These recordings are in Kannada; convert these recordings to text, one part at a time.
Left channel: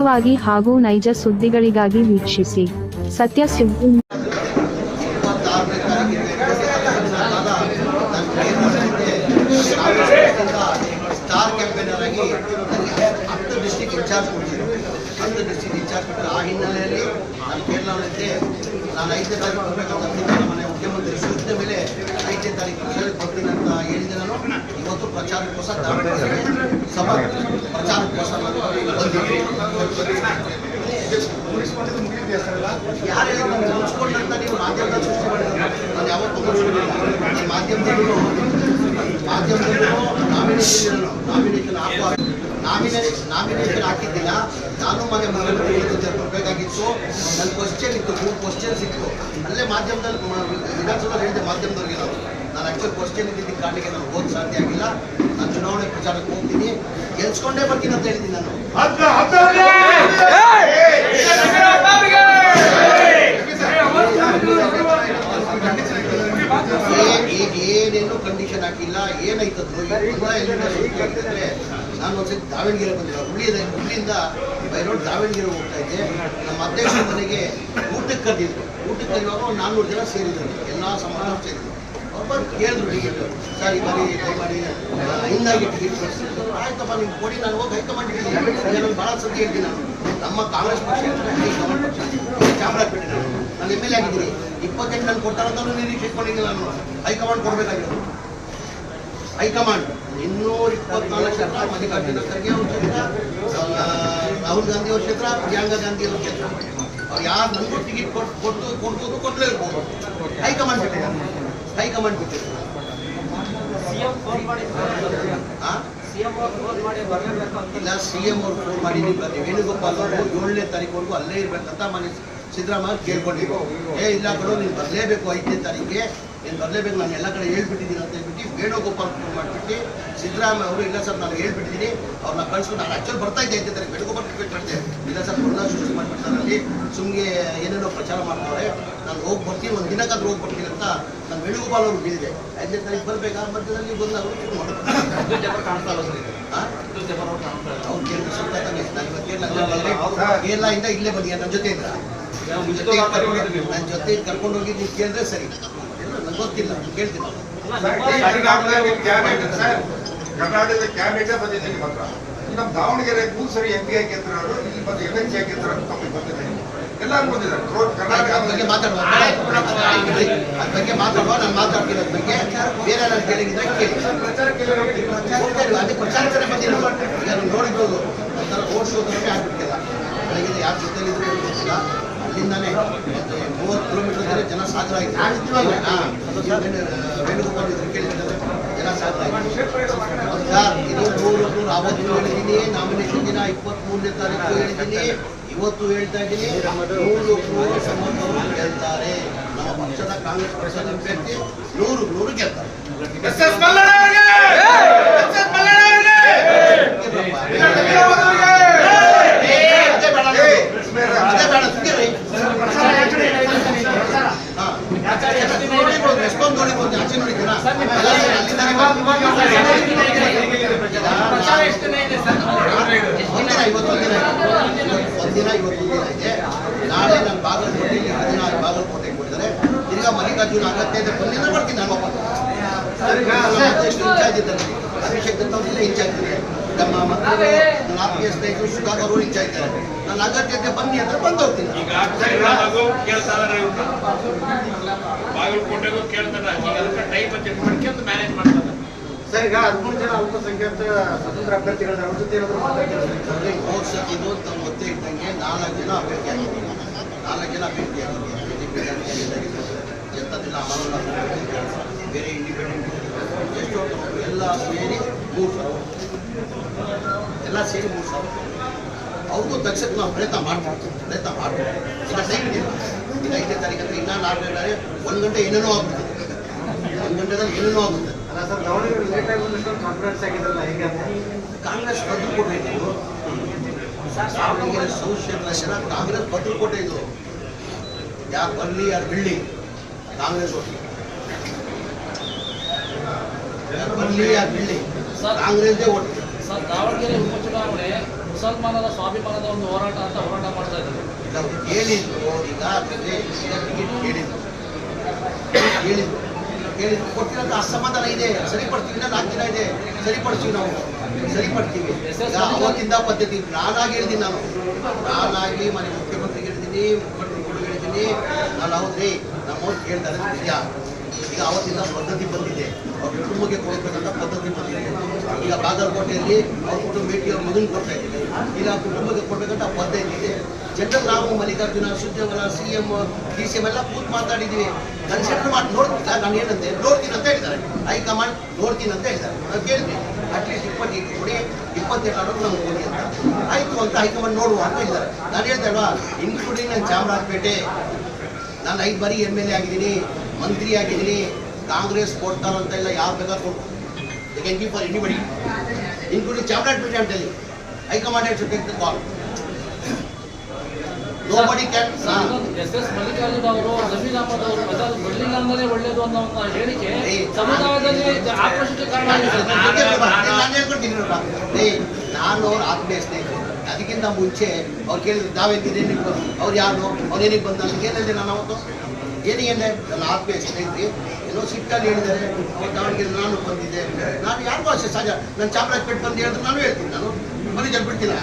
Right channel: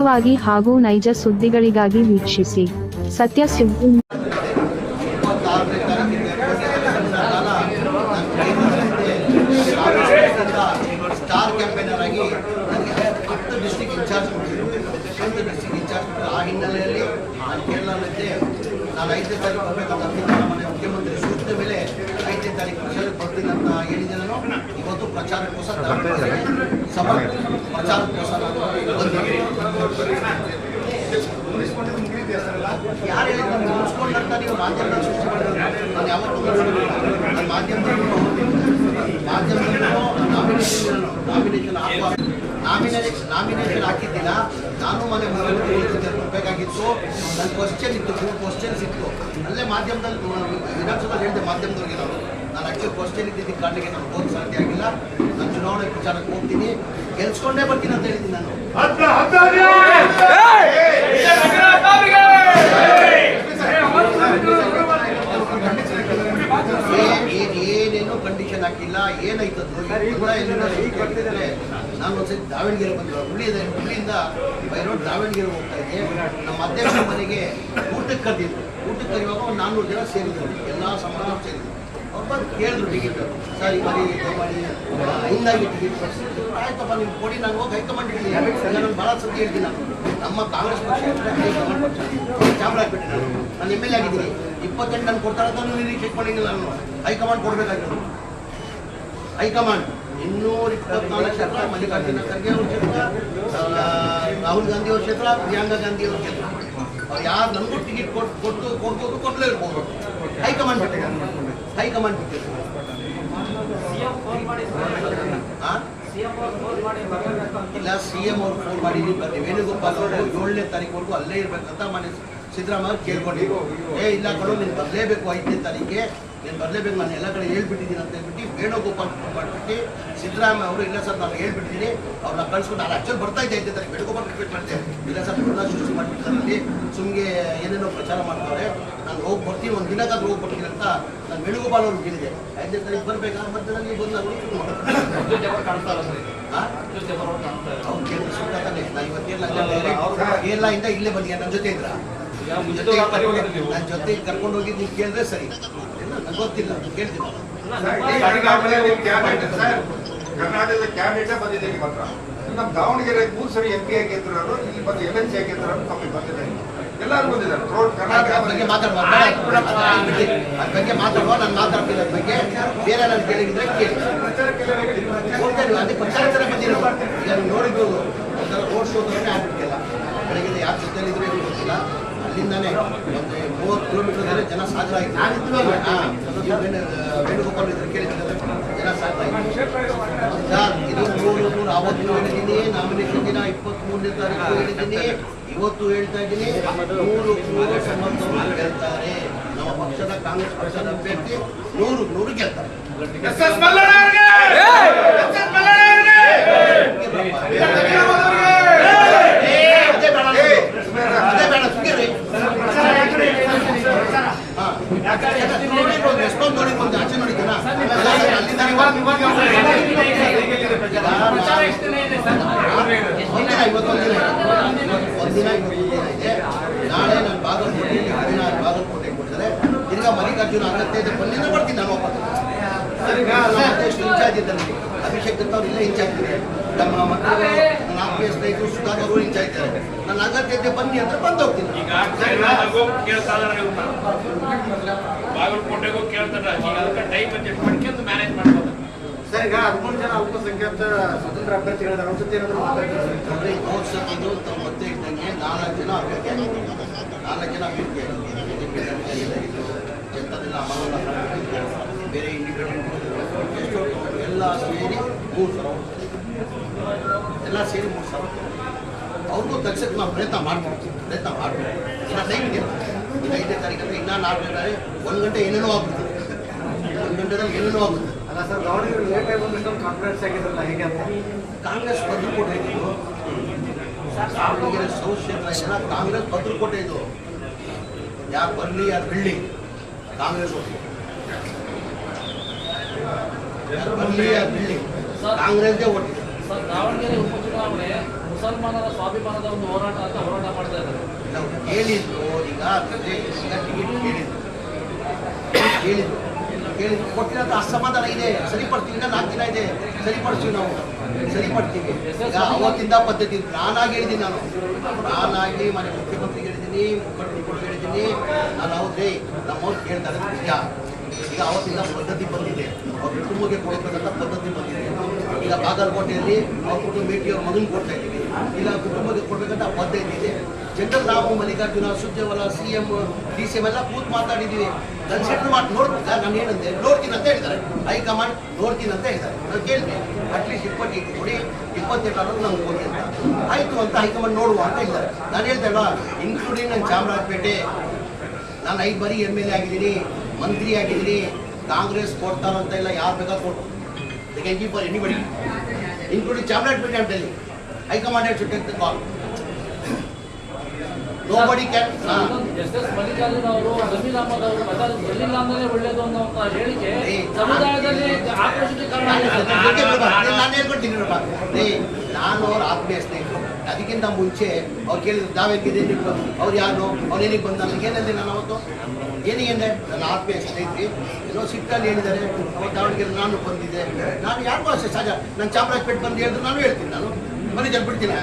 ನಿಖರವಾಗಿ ಹಾಗೂ ನೈಜ ಸುದ್ದಿಗಳಿಗಾಗಿ ವೀಕ್ಷಿಸಿ ಸತ್ಯ ಸುದ್ದಿ. ಸ್ಟಾರ್ ಕ್ಯಾಂಪೇನರ್ ಆಗಿ ನನಗೆ 10 ಡಿಸ್ಟ್ರಿಕ್ಟ್ ಇನ್ಚಾರ್ಜ್ ಕೊಟ್ಟಿದ್ರು. 10 ಡಿಸ್ಟ್ರಿಕ್ಟ್ ಇನ್ಚಾರ್ಜ್ ಕೊಟ್ಟರು. ಆ ಹಿನ್ನೆಲೆಯಲ್ಲಿ ನಾನು ಕೇರಳದಲ್ಲಿದ್ದೆ. ನಾನು 5ನೇ ತಾರೀಕು ಬರಬೇಕಂತ ಅಂತಿದ್ದೆ. ನಮ್ಮ ಮುಖ್ಯಮಂತ್ರಿ ಸೂಚನೆ ಮೇಲೆ 5ನೇ ತಾರೀಕು ಪ್ರಚಾರಕ್ಕೆ ಬರ್ತೀನಿ ಅಂತ ಹೇಳಿದ್ದೆ. ನಾನು ಇವತ್ತು ಪ್ರಚಾರಕ್ಕೋಸ್ಕರ ದಾವಣಗೆರೆಗೆ ಸಭಾ ಪ್ರಚಾರಕ್ಕೋಸ್ಕರ ನಾನು ಬಂದಿದ್ದೀನಿ. ಯಾರೇ ನನಗೆ ಮುಗಿಸ್ಕೊಂಡಂತ ನೀವು ಮಾಧ್ಯಮದಲ್ಲಿ ಸೃಷ್ಟಿ ಮಾಡಿರೋದು ನಾನು ಯಾವತ್ತೂ ಮುಗಿಸ್ಕೊಂಡಿಲ್ಲ. ನಾನು ಮಾಧ್ಯಮದಲ್ಲೂ ನಾಮಿನೇಷನ್ ಹಾಕಿದ್ದಿಲ್ಲ. ನಾನು ಮನೆ ಮುಖ್ಯಮಂತ್ರಿಗಳ ಜೊತೆ ಬರಬೇಕಾಗಿತ್ತು. ನನ್ನ ಕ್ವಶನ್ ಇತ್ತು, 3 ಕ್ವಶನ್ಸ್ ಇತ್ತು. ಅಲ್ಲೇ ಮಾಧ್ಯಮದಲ್ಲಿ ವಿಧಾನಸಭೆಯಲ್ಲಿ ಹೇಳಿದೆ ಮಾಧ್ಯಮದವ್ರಿಗೆ ನಾನು ಆ್ಯಕ್ಚುಲಿ ಕ್ವಶನ್ ಇದ್ದಿದ್ದ ಕಾರಣಕ್ಕೆ ನಾನು ಹೋಗಕ್ಕೆ ಸಾಧ್ಯ ಆಗಿಲ್ಲ. ನಾನು ಚುನಾವಣೆ ಪ್ರಚಾರಕ್ಕೆ ಹೋಗ್ತೀನಿ, ಗೆಲ್ಸ್ಕೊಂಡೇ ಬರ್ತೀನಿ ಅಂತ ಹೇಳಿದ್ದೀನಿ. ನಾನು ಏನೇನು ಕಂಡೀಷನ್ ಹಾಕಿಲ್ಲ. ಏನಾಯ್ತದ್ದು ಎಲ್ಲಿಂದ ಹೇಳಿದ್ರೆ ನಾನು ಒಂದ್ಸತಿ ದಾವಣಗೆರೆ ಬಂದಿಲ್ಲ. ಹುಬ್ಳಿಯಿಂದ ಬೈ ರೋಡ್ ದಾವಣಗೆರೆ ಹೋಗ್ತಾ ಇದ್ದೆ. ನಮ್ಮ ಅಧ್ಯಕ್ಷರ ಮನೆಗೆ ಊಟಕ್ಕೆ ಕರೆದಿದ್ರು. ಊಟಕ್ಕೆ ಕರೆಯುವಾಗ ಒಂದು 400 ಜನ ಸೇರಿದ್ರು. ಎಲ್ಲ ಸಮಾಜದವ್ರು ಸೇರಿದ್ರು. ಒಬ್ಬರು ಕೇಳಿದ್ರು ಟಿಕೆಟ್, ಸರ್ ಈ ಬಾರಿ ದಯಮಾಡಿ ಹಿಂಗಾಗಿ ಟಿಕೆಟ್ ಕೊಡಿಸಿದ್ರು. ಆಯ್ತಪ್ಪ ನಿಮ್ಗೆ ಕೊಡಿ, ನಾನು ಹೋಗಿ ಹೈಕಮಾಂಡ್ ಇದ್ದೀನಿ. ನಾನು ಭಾಳ ಸತಿ ಹೇಳ್ತೀನಿ. ನಾನು ನಮ್ಮ ಕಾಂಗ್ರೆಸ್ ಪಕ್ಷ ಹೈಕಮಾಂಡ್ ಪಕ್ಷ ಚಾಮರಾಜಪೇಟೆ ನಾನು MLA ಆಗಿದ್ದೀನಿ. 28 ನಾನು ಕೊಡ್ತಾರಂತ ನಿರೀಕ್ಷೆ ಇಟ್ಕೊಂಡಿಲ್ಲ. ನಾನು ಹೈಕಮಾಂಡ್ ಕೊಡಬೇಕಾಗಿರೋದು. ಹೈಕಮಾಂಡ್ 224 ಕ್ಷೇತ್ರ, ಮಲ್ಲಿಕಾರ್ಜುನ ಖರ್ಗೆ ಅವ್ರ ಕ್ಷೇತ್ರ, ರಾಹುಲ್ ಗಾಂಧಿ ಅವ್ರ ಕ್ಷೇತ್ರ, ಪ್ರಿಯಾಂಕಾ ಗಾಂಧಿ ಅವ್ರ ಕ್ಷೇತ್ರ. ಅವ್ರು ಯಾರು ನನಗೂ ಟಿಕೆಟ್ ಕೊಡ್ಬೋದು, ಕೊಡಲೇ ಇರ್ಬೋದು. ಹೈಕಮಾಂಡ್ ಬಿಟ್ಟಿದ್ದಾರೆ. ಹೈಕಮಾಂಡ್ ಬಿಟ್ಟಿರ್ತಾರೆ. ಇಲ್ಲ, CM ಅವ್ರು ಫೋನ್ ಮಾಡಿ ವೇಣುಗೋಪಾಲ್ ಅವರು 7ನೇ ತಾರೀಕುವರೆಗೂ ಅಲ್ಲೇ ಇರ್ಬೇಕಂತ ಮನೆ ಸಿದ್ದರಾಮಯ್ಯ ಕೇಳ್ಕೊಂಡಿದ್ರು. ಇಲ್ಲ ಕಡೆ ನೀನು ಬರಲೇಬೇಕು, 5ನೇ ತಾರೀಕಿಗೆ ನೀನು ಬರಲೇಬೇಕು, ನಾನು ಎಲ್ಲ ಕಡೆ ಹೇಳ್ಬಿಟ್ಟಿದ್ದೀನಿ ಅಂತ ಹೇಳ್ಬಿಟ್ಟು ವೇಣುಗೋಪಾಲ್ ಫೋನ್ ಮಾಡಿಬಿಟ್ಟು ಸಿದ್ದರಾಮಯ್ಯ ಅವರು ಇಲ್ಲ ಸರ್ ನಾನು ಹೇಳ್ಬಿಟ್ಟಿದ್ದೀನಿ, ಅವ್ರನ್ನ ಕಳ್ಸ್ಕೊಂಡು ನಾನು ಆ್ಯಕ್ಚುಲಿ ಬರ್ತಾ ಇದ್ದೆ 5ನೇ ತಾರೀಕು. ವೇಣುಗೋಪಾಲ್ ರಿಕ್ವೆಸ್ಟ್ ಮಾಡಿದೆ, ಇಲ್ಲ ಸರ್ ಬೃಂದ ಸೃಷ್ಟಿ ಮಾಡಿಬಿಡ್ತಾರೆ, ಅಲ್ಲಿ ಸುಮ್ಮನೆ ಏನೇನೋ ಪ್ರಚಾರ ಮಾಡ್ತಾರೆ, ನಾನು ಹೋಗಿ ಬರ್ತೀನಿ, ಒಂದು ದಿನಕ್ಕಾದ್ರೂ ಹೋಗಿ ಬರ್ತೀನಿ ಅಂತ ನಾನು ವೇಣುಗೋಪಾಲ್ ಅವ್ರು ಹೇಳಿದೆ. 5ನೇ ತಾರೀಕು ಬರಬೇಕಾ ಮಧ್ಯದಲ್ಲಿ ಬಂದಾಗ ಶುರು ಮಾಡೋದು. ಕಾಣಿಸ್ತಾ ಇಲ್ಲ ಅವ್ರು ಕೇಳಿದ್ರು ಸುತ್ತ ತಾನೆ. ನಾನು ಇವತ್ತು ಕೇರಳದಿಂದ ಇಲ್ಲೇ ಬಂದಿದ್ದೆ. ನನ್ನ ಜೊತೆ ಇದ್ರ ನನ್ನ ಜೊತೆ ಕರ್ಕೊಂಡು ಹೋಗಿ ನೀವು ಕೇಳಿದ್ರೆ ಸರಿ. ನಂಗೆ ಗೊತ್ತಿಲ್ಲ, ಕೇಳ್ತೀನಿ. ಕರ್ನಾಟಕದ ಕ್ಯಾಬಿನೆಟ್ ಬಂದಿದ್ದೀವಿ ಮಾತ್ರ. ನಮ್ಮ ದಾವಣಗೆರೆ 3 ಸರಿ MP ಆಗಿದ್ರು, ಇಲ್ಲಿ ಬಂದು LNG ಆಗಿದ್ರು, ಕಂಪ್ನಿ ಬಂದಿದ್ದಾರೆ. ಎಲ್ಲರೂ ಬಂದಿದ್ದಾರೆ. ಅದ್ರ ಬಗ್ಗೆ ಮಾತಾಡುವ, ಅದ್ರ ಬಗ್ಗೆ ಮಾತಾಡುವ. ನಾನು ಮಾತಾಡ್ತೀನಿ ಅದ್ರ ಬಗ್ಗೆ. ಬೇರೆ ನಾನು ಕೇಳಿದ್ರೆ ಕೇಳಿ ಹೋಗ್ತಾ ಅದೇ ಪ್ರಚಾರಕ್ಕೆ ಬಂದಿರೋದು. ಈಗ ನೀವು ನೋಡಿರ್ಬೋದು, ಒಂಥರ ರೋಡ್ ಶೋ ಥರನೇ ಆಗ್ಬಿಟ್ಟಿಲ್ಲ. ಬೆಳಗ್ಗೆ ಯಾರ ಜೊತೆಲಿದ್ರು ಏನು ಗೊತ್ತಿಲ್ಲ. ಅಲ್ಲಿಂದಾನೆ ಒಂದು 30 ಕಿಲೋಮೀಟರ್ ಜನ ಸಾಗರ ಆಯಿತು. ವೇಣುಗೋಪಾಲ್ ಇದ್ರು ಕೇಳಿದ್ರೆ ಜನ ಸಾಗರ ಆಯಿತು. ಸರ್ ಇದು 100 ಅವತ್ತು ಹೇಳಿದ್ದೀನಿ. ನಾಮಿನೇಷನ್ ದಿನ 23ನೇ ತಾರೀಕು ಹೇಳಿದ್ದೀನಿ. ಇವತ್ತು ಹೇಳ್ತಾ ಇದ್ದೀನಿ, 100 ಸಮರ್ಥರು ಗೆಲ್ತಾರೆ. ನಮ್ಮ ಪಕ್ಷದ ಕಾಂಗ್ರೆಸ್ ಪಕ್ಷದ ಅಭ್ಯರ್ಥಿ 100 ಗೆಲ್ತಾರೆ. ಅದೇ ಬೇಡ ಸುಗ್ಗಿರಿ. ನೋಡಿರ್ಬೋದು, ಎಷ್ಟೊಂದು ನೋಡಿರ್ಬೋದು. ಆಚೆ ನೋಡಿದ್ದೀನ ಅಲ್ಲಿಂದ ಇವತ್ತೊಂದಿನ ಇದೆ. ನಾಳೆ ನಾನು ಬಾಗಲಕೋಟೆಯಲ್ಲಿ ಬಾಗಲಕೋಟೆಗೆ ಕೊಟ್ಟಿದ್ದಾರೆ. ತಿರ್ಗಾ ಮಲ್ಲಿಕಾರ್ಜುನ ಅಗತ್ಯ ಬಂದಿಂದ ಬರ್ತೀನಿ. ನಾನು ಒಬ್ಬ ಇನ್ಚಾರ್ಜ್ ಇದ್ದಾರೆ. ಅಭಿಷೇಕ್ ದತ್ತ ಅವ್ರು ಇಲ್ಲೇ ಇನ್ಚಾರ್ಜ್ ಇದ್ದಾರೆ. ನಮ್ಮ ಮಕ್ಕಳು ನನ್ನ ಆತ್ಮೀಯ ಸ್ನೇಹಿತರು ಸುಧಾಕರ್ ಅವರು ಇನ್ಚಾರ್ಜ್ ಇದ್ದಾರೆ. ನನ್ನ ಅಗತ್ಯತೆ ಬನ್ನಿ ಅಂದ್ರೆ ಬಂದು ಹೋಗ್ತೀನಿ. ಬಾಗಲಕೋಟೆಗೂ ಕೇಳ್ತಾರೆ, ಅದಕ್ಕೆ ಟೈಮ್ ಅಡ್ಜಸ್ಟ್ ಮಾಡ್ಕೊಂಡು ಮ್ಯಾನೇಜ್ ಮಾಡ್ತಾರೆ. ಸರ್, ಈಗ 13 ಜನ ಅಲ್ಪಸಂಖ್ಯಾತ ಸ್ವತಂತ್ರ ಅಭ್ಯರ್ಥಿಗಳ ಮಹೋತ್ಸವಕ್ಕಿದು ಮತ್ತೆ ಇದ್ದಂಗೆ 4 ಜನ ಅಭ್ಯರ್ಥಿ ಆಗಿತ್ತು. 4 ಜನ ಅಭ್ಯರ್ಥಿ ಆಗಿತ್ತು. BJP ಆಗಿತ್ತು, ಜನತಾದಳ ಅಮರುಲ್ಲಾ ಬೇರೆ ಇಂಡಿಪೆಂಡೆಂಟ್ ಎಷ್ಟೋ ಎಲ್ಲ ಸೇರಿ 3,000 ಎಲ್ಲ ಸೇರಿ 3,000 ಅವ್ರಿಗೂ ತಗ್ಸಕ್ಕೆ ನಾವು ಪ್ರಯತ್ನ ಮಾಡ್ತೀವಿ. ಇನ್ನು ಟೈಮ್ ಇದೆ. ಇನ್ನು 5ನೇ ತಾರೀಕು ಅಂದರೆ ಇನ್ನೂ 4ನೇ ತಾರೀಕು 1 ಗಂಟೆ ಏನೇನೋ ಆಗ್ಬಿಡ್ತದೆ. 1 ಗಂಟೆದಲ್ಲಿ ಏನೇನೋ ಆಗುತ್ತೆ. ಕಾಂಗ್ರೆಸ್ ಭದ್ರಕೋಟೆ ಇದ್ದು ದಾವಣಗೆರೆ ಸೌತ್ ಕ್ಷೇತ್ರ ಜನ ಕಾಂಗ್ರೆಸ್ ಭದ್ರಕೋಟೆ ಇದು. ಯಾರು ಬರಲಿ ಯಾರು ಬಿಡಲಿ ಕಾಂಗ್ರೆಸ್ ಓಟ್. ಯಾರು ಬರಲಿ ಯಾರು ಬಿಡಲಿ ಕಾಂಗ್ರೆಸ್ದೇ ಓಟ್. ದಾವಣಗೆರೆ ಉಪಚುನಾವಣೆ ಮುಸಲ್ಮಾನರ ಸ್ವಾಭಿಮಾನದ ಒಂದು ಹೋರಾಟ ಅಂತ ಹೋರಾಟ ಮಾಡ್ತಾ ಇದ್ದಾರೆ. ನಾವು ಹೇಳಿದ್ರು ಈಗ ಅಂತಂದ್ರೆ ಈಗ ಟಿಕೆಟ್ ಕೇಳಿದ್ರು ಕೊಟ್ಟಿರೋಂಥ ಅಸಮಾಧಾನ ಇದೆ, ಸರಿಪಡ್ತೀವಿ. ಇನ್ನ 4 ದಿನ ಇದೆ, ಸರಿಪಡಿಸ್ತೀವಿ, ನಾವು ಸರಿಪಡ್ತೀವಿ. ಈಗ ಅವತ್ತಿಂದ ಪದ್ಧತಿ ನಾನಾಗಿ ಹೇಳಿದ್ದೀನಿ, ನಾನಾಗಿ ಮನೆ ಮುಖ್ಯಮಂತ್ರಿಗೆ ಹೇಳಿದ್ದೀನಿ, ಮುಖಂಡರು ಕೂಡ ಹೇಳಿದ್ದೀನಿ. ನಾನು ಹೌದ್ರಿ ನಮ್ಮವ್ರು ಕೇಳ್ತಾರೆ ನಿಜ. ಈಗ ಅವತ್ತಿಂದ ಪದ್ಧತಿ ಬಂದಿದೆ, ಅವ್ರ ಕುಟುಂಬಕ್ಕೆ ಕೊಡಬೇಕಂತ ಪದ್ಧತಿ ಬಂದಿದೆ. ಈಗ ಬಾಗಲಕೋಟೆಯಲ್ಲಿ ಅವ್ರ ಕುಟುಂಬ ಭೇಟಿ ಅವ್ರ ಮಗನ ಕೊಡ್ತಾ ಇದ್ದೀವಿ, ಇಲ್ಲ ಕುಟುಂಬಕ್ಕೆ ಕೊಡ್ಬೇಕಂತ ಪದ್ಧತಿ ಇದೆ. ಜನರಲ್ ನಾವು ಮಲ್ಲಿಕಾರ್ಜುನ, ಸುರ್ಜೇವಾಲಾ, CM, DCM ಎಲ್ಲ ಕೂತ್ ಮಾತಾಡಿದ್ದೀವಿ. ಕನ್ಸಿಡರ್ ಮಾಡಿ ನೋಡ್ತೀರಾ, ನಾನು ಏನಂತೆ ನೋಡ್ತೀನಿ ಅಂತ ಹೇಳ್ತಾರೆ, ಹೈಕಮಾಂಡ್ ನೋಡ್ತೀನಿ ಅಂತ ಹೇಳ್ತಾರೆ. ನಾವು ಕೇಳ್ತೀವಿ ಅಟ್ಲೀಸ್ಟ್ 28 ಕೊಡಿ, 28 ನಮ್ಗೆ ಕೊಡಿ ಅಂತ. ಆಯಿತು ಅಂತ ಹೈಕಮಾಂಡ್ ನೋಡುವ ಅಂತ ಹೇಳ್ತಾರೆ. ನಾನು ಹೇಳ್ತಾ ಇಲ್ವಾ, ಇನ್ಕ್ಲೂಡಿಂಗ್ ನನ್ನ ಚಾಮರಾಜಪೇಟೆ, ನಾನು 5 ಬಾರಿ MLA ಆಗಿದ್ದೀನಿ, ಮಂತ್ರಿ ಆಗಿದ್ದೀನಿ. ಕಾಂಗ್ರೆಸ್ ಕೊಡ್ತಾರೋ ಅಂತ ಇಲ್ಲ, ಯಾರು ಬೇಕಾದ್ರೂ ಕೊಡ್ಬೋದು. They can give for anybody, including Chamarajpet ಅಂತ ಹೇಳಿ. High command have to take the call. Nobody can. SS Mallikarjuna ಅವರು, ಜಮೀರ್ ಅಹಮದ್ ಅವರು ಬರ್ಲಿಲ್ಲ ಅಂದ್ರೆ ಒಳ್ಳೇದು ಅನ್ನೋ ಹೇಳಿಕೆ ಸಮುದಾಯದಲ್ಲಿ ಆಕ್ರೋಶಕ್ಕೆ ಕಾರಣ ನಾನು ಹೇಳ್ಕೊಡ್ತೀನಿ. ನಾನು ಅವ್ರ ಆತ್ಮೀಯ ಸ್ನೇಹಿತರು. ಅದಕ್ಕಿಂತ ಮುಂಚೆ ಅವ್ರು ಕೇಳಿದ್ರು ನಾವೇನಿದೆ ಅವ್ರು ಯಾರು, ಅವ್ರೇನಿಗೆ ಬಂದ ನನಗೆ ಏನಂದೆ, ನಾನು ಅವತ್ತು ಏನಿಗೆ ನನ್ನ ಆತ್ಮೀಯ ಸ್ನೇಹಿತರೆ ಏನೋ ಸಿಟ್ಟಲ್ಲಿ ಹೇಳಿದ್ದಾರೆ. ಅವತ್ತು ದಾವಣಗೆರೆ ನಾನು ಬಂದಿದ್ದೆ, ನಾನು ಯಾರಿಗೂ ಅಷ್ಟೇ ಸಹಜ. ನಾನು ಚಾಮರಾಜಪೇಟೆ ಬಂದು ಹೇಳಿದ್ರೆ ನಾನು ಹೇಳ್ತೀನಿ, ನಾನು ಮನೆ ಜನ ಬಿಡ್ತೀನಿ.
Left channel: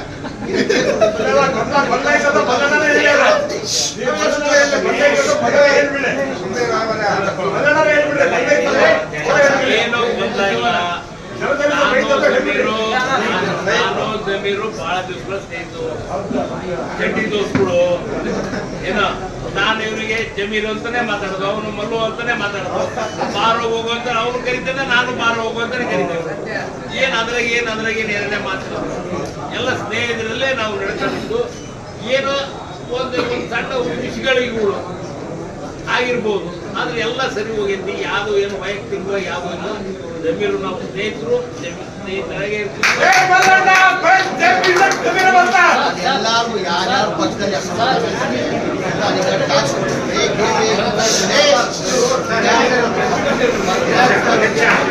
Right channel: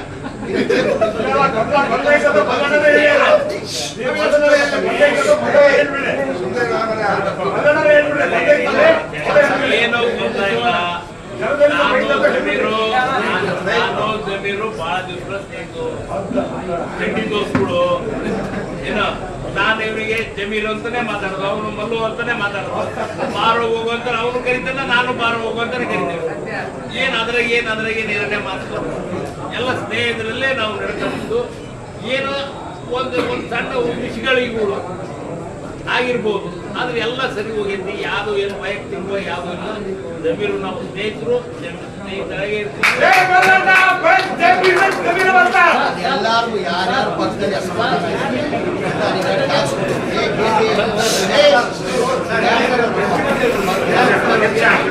ಏನೋ ಗೊತ್ತಾಗಿಲ್ಲ. ನಾನು ಜಮೀರು ಬಹಳ ದಿವಸ ಸ್ನೇಹಿತರು, ಚಡ್ಡಿ ದೋಸ್ಗಳು. ಏನೋ ನಾನು ಇವನಿಗೆ ಜಮೀರು ಅಂತಾನೆ ಮಾತಾಡೋದು, ಅವನು ಮಲ್ಲು ಅಂತಾನೆ ಮಾತಾಡೋದು. ಬಾರೋ ಹೋಗು ಅಂತ ಅವನು ಕರಿತಾನೆ, ನಾನು ಬಾರೋ ಹೋಗು ಅಂತಾನೆ ಕರಿತೇವೆ. ಏನ್ ಅದ್ರಾಗ ಏನೇ ಮಾತಾಡೋದು, ಎಲ್ಲ ಸ್ನೇಹಿತರಲ್ಲೇ ನಾವು ನಡ್ಕೊಂಡು ಏನೋ ಒಂದು ಸಣ್ಣ ವಿಷಯಗಳಿಗೂ ಆಗಿರ್ಬೋದು, ಆದ್ರೆ ಎಲ್ಲ ಸರಿ ಹೋಗೈತಿ. ಯಾವುದು ಏನು ವೈಯಕ್ತಿಕವಾಗಿ ಯಾವುದು ಇಲ್ಲ. ಜಮೀರು ನಾವು ಸ್ನೇಹಿತರು, ಸ್ನೇಹಿತರಾಗೆ ಇರ್ತೀವಿ. ಅದೆಲ್ಲರೂ ಯಾರ್ಯಾರ ಪಕ್ಷದಲ್ಲಿ ಅಸಮಾಧಾನ ಇದೆ,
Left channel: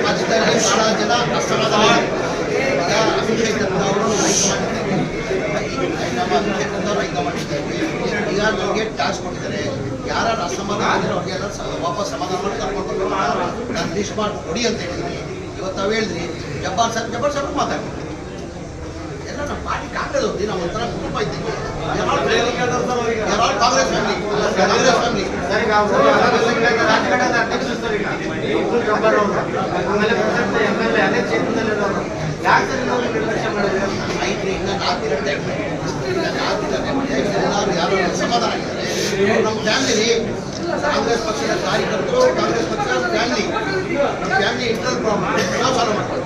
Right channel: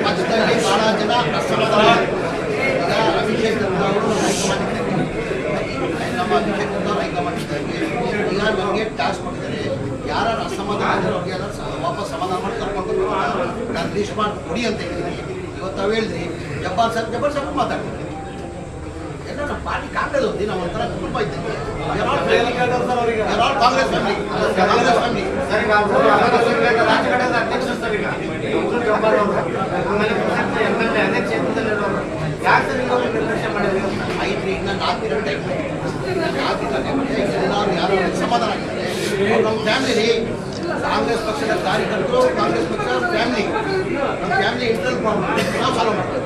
ಪಕ್ಷದಲ್ಲಿ ಬಹಳ ಜನ ಅಸಮಾಧಾನ. ಈಗ ಅಭಿಷೇಕ್ ಅವರು ಹೈಕಮಾಂಡ್ ನಮ್ಮ ಅಭಿಷೇಕ್ ಅವರು ಹೈಕಮಾಂಡ್ ಇದ್ದಾರೆ. ಈಗ ನನಗೆ ಟಾಸ್ಕ್ ಕೊಟ್ಟಿದ್ದಾರೆ, ಯಾರು ಅಸಮಾಧಾನ ಅಂದರೆ ಅವ್ರಿಗೆಲ್ಲ ವಾಪಸ್ ಸಮಾಧಾನ ಮಾಡಿ ಕರ್ಕೊಂಡು ಬರ್ಬೇಕಲ್ಲ. ನಾನು ಲಿಸ್ಟ್ ಮಾಡಿ ಕೊಡಿ ಅಂತ ಹೇಳಿದ್ದೀನಿ. ಇವತ್ತು ನಾವು ಹೇಳಿದ್ರಿ ಜಬ್ಬಾರ್ ಸಾಹೇಬ್ ಮಾತಾಡ್ತೀನಿ. ಎಲ್ಲ ನಮ್ಮ ಪಾರ್ಟಿ ಕಾಂಗ್ರೆಸ್ ಹೋಗಿ ನಾವು ಒಂಥರ ಕುಟುಂಬ ಇದ್ದಂಗೆ. ಕಾಂಗ್ರೆಸ್ ಫ್ಯಾಮಿಲಿ ಐತ್ರಿ. ಇನ್ನು 4 ಗಂಟೆ ಎಲ್ಲರೂ ಯಾರು ಸಮಾಧಾನ ಆಗಿದ್ದಾರೆ. ಅವ್ರು ನಮ್ಮ ಫ್ಯಾಮಿಲಿ, ಕಾಂಗ್ರೆಸ್ ಪಕ್ಷದ ಕಾರ್ಯಕರ್ತರು, ಕಾಂಗ್ರೆಸ್ ಪಕ್ಷ ಫ್ಯಾಮಿಲಿ, ನಮ್ಮ ಫ್ಯಾಮಿಲಿ ಇಂಟರ್ನಲ್ ಪ್ರಾಬ್ಲಮ್ ನಾವು ಸಾಲ್ವ್ ಮಾಡ್ತೀವಿ.